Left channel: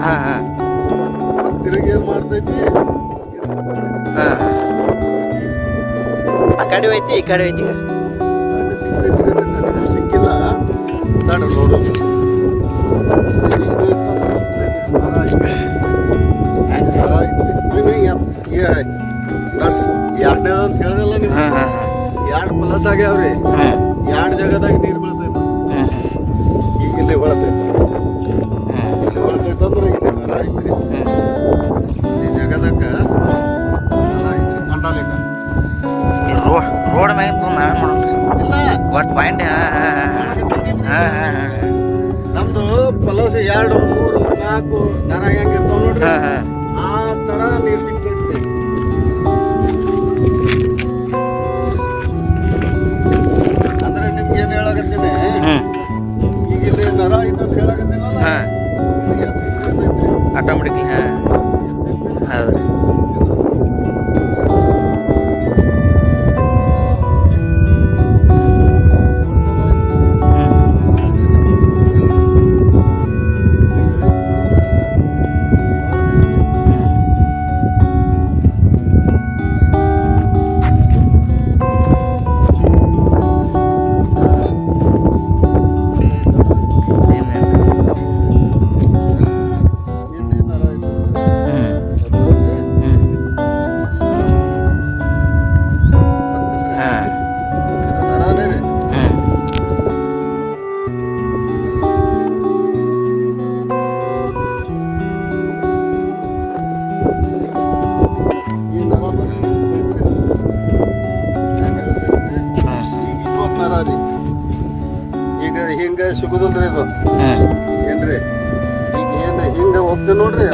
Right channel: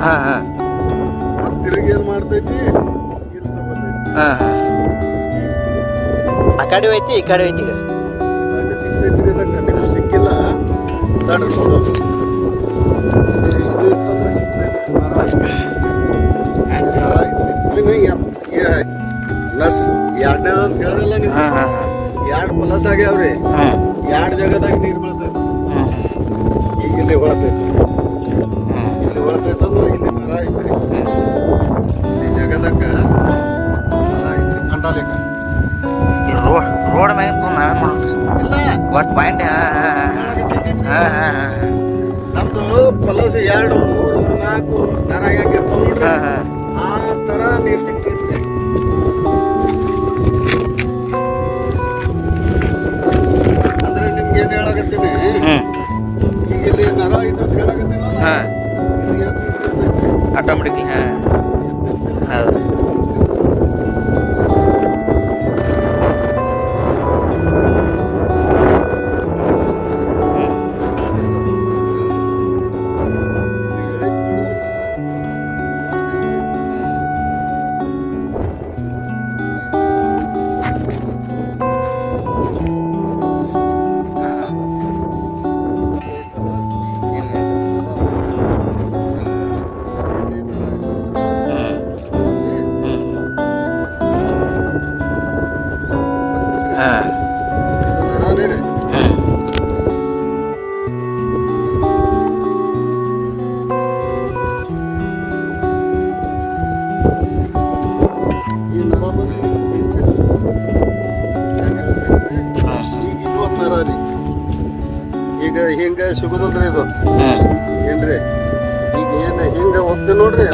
ಹಾಂ ಹಾಂ ತಿರುಗಿ ಏನ್ ಮಾಡ್ತೈತಿ ಹಾಂ ಹಾಂ ಆ ಕಡೆ ಐತಿ ಈ ಕಡೆ ಐತಿ ಸಿಕ್ಕಿಲ್ಲ ಎರಡನೇ ಅಂತ ಹೇಳ್ದಲ್ಲ ನೀವು ಎರಡು ಪ್ಲಸ್ ಆಗ್ಯಾವ್ರಿ ಎರಡು ಜಾಗದಾಗ ನೀರು ಬೀಳ್ತೈತಿ ಈಗ ಇಲ್ಲಿ ಹೊಳತೈತಿ ಇಲ್ಲಿ ಹೊಳತೈತೆ ಅಂದ್ರೆ ಇಲ್ಲಿ ಮರ ಐತ್ರಿ ಈ ಜಾಗದಾಗ ರೋಡ್ ಮ್ಯಾಗ ನಾವೇ ಮಾಡೋಣ ಒಟ್ಟು ಪಾಯಿಂಟ್ ನಮ್ದು ಪ್ಲಸ್ 2, 3, 4 ನರ ಹೆಂಗಿರ್ತಾವ ನೋಡ್ರಿ ಆ ತರ ನೀರು ಸಿಗ್ತೈತ್ರಿ ಅಂದ್ರೆ ನಿಮ್ಗೆ ಏನ್ ಹೇಳಕತ್ತೀನಿ ಈಗ ಇಲ್ಲಿ ನರ ಐತೆ ಅಂತ ಹೇಳಕತ್ತೀನಿ ಆಟೋಮೆಟಿಕ್ಲಿ ಹೌದು ಈಗ ಹಿಂಗ ಸಿಗುದಿಲ್ರಿ ಇದು ಏನ್ರಿ ಈಗ ಏನ್ ಹಿಂಗ ಹೋಗ್ತೇವೆ ನೋಡ್ರಿ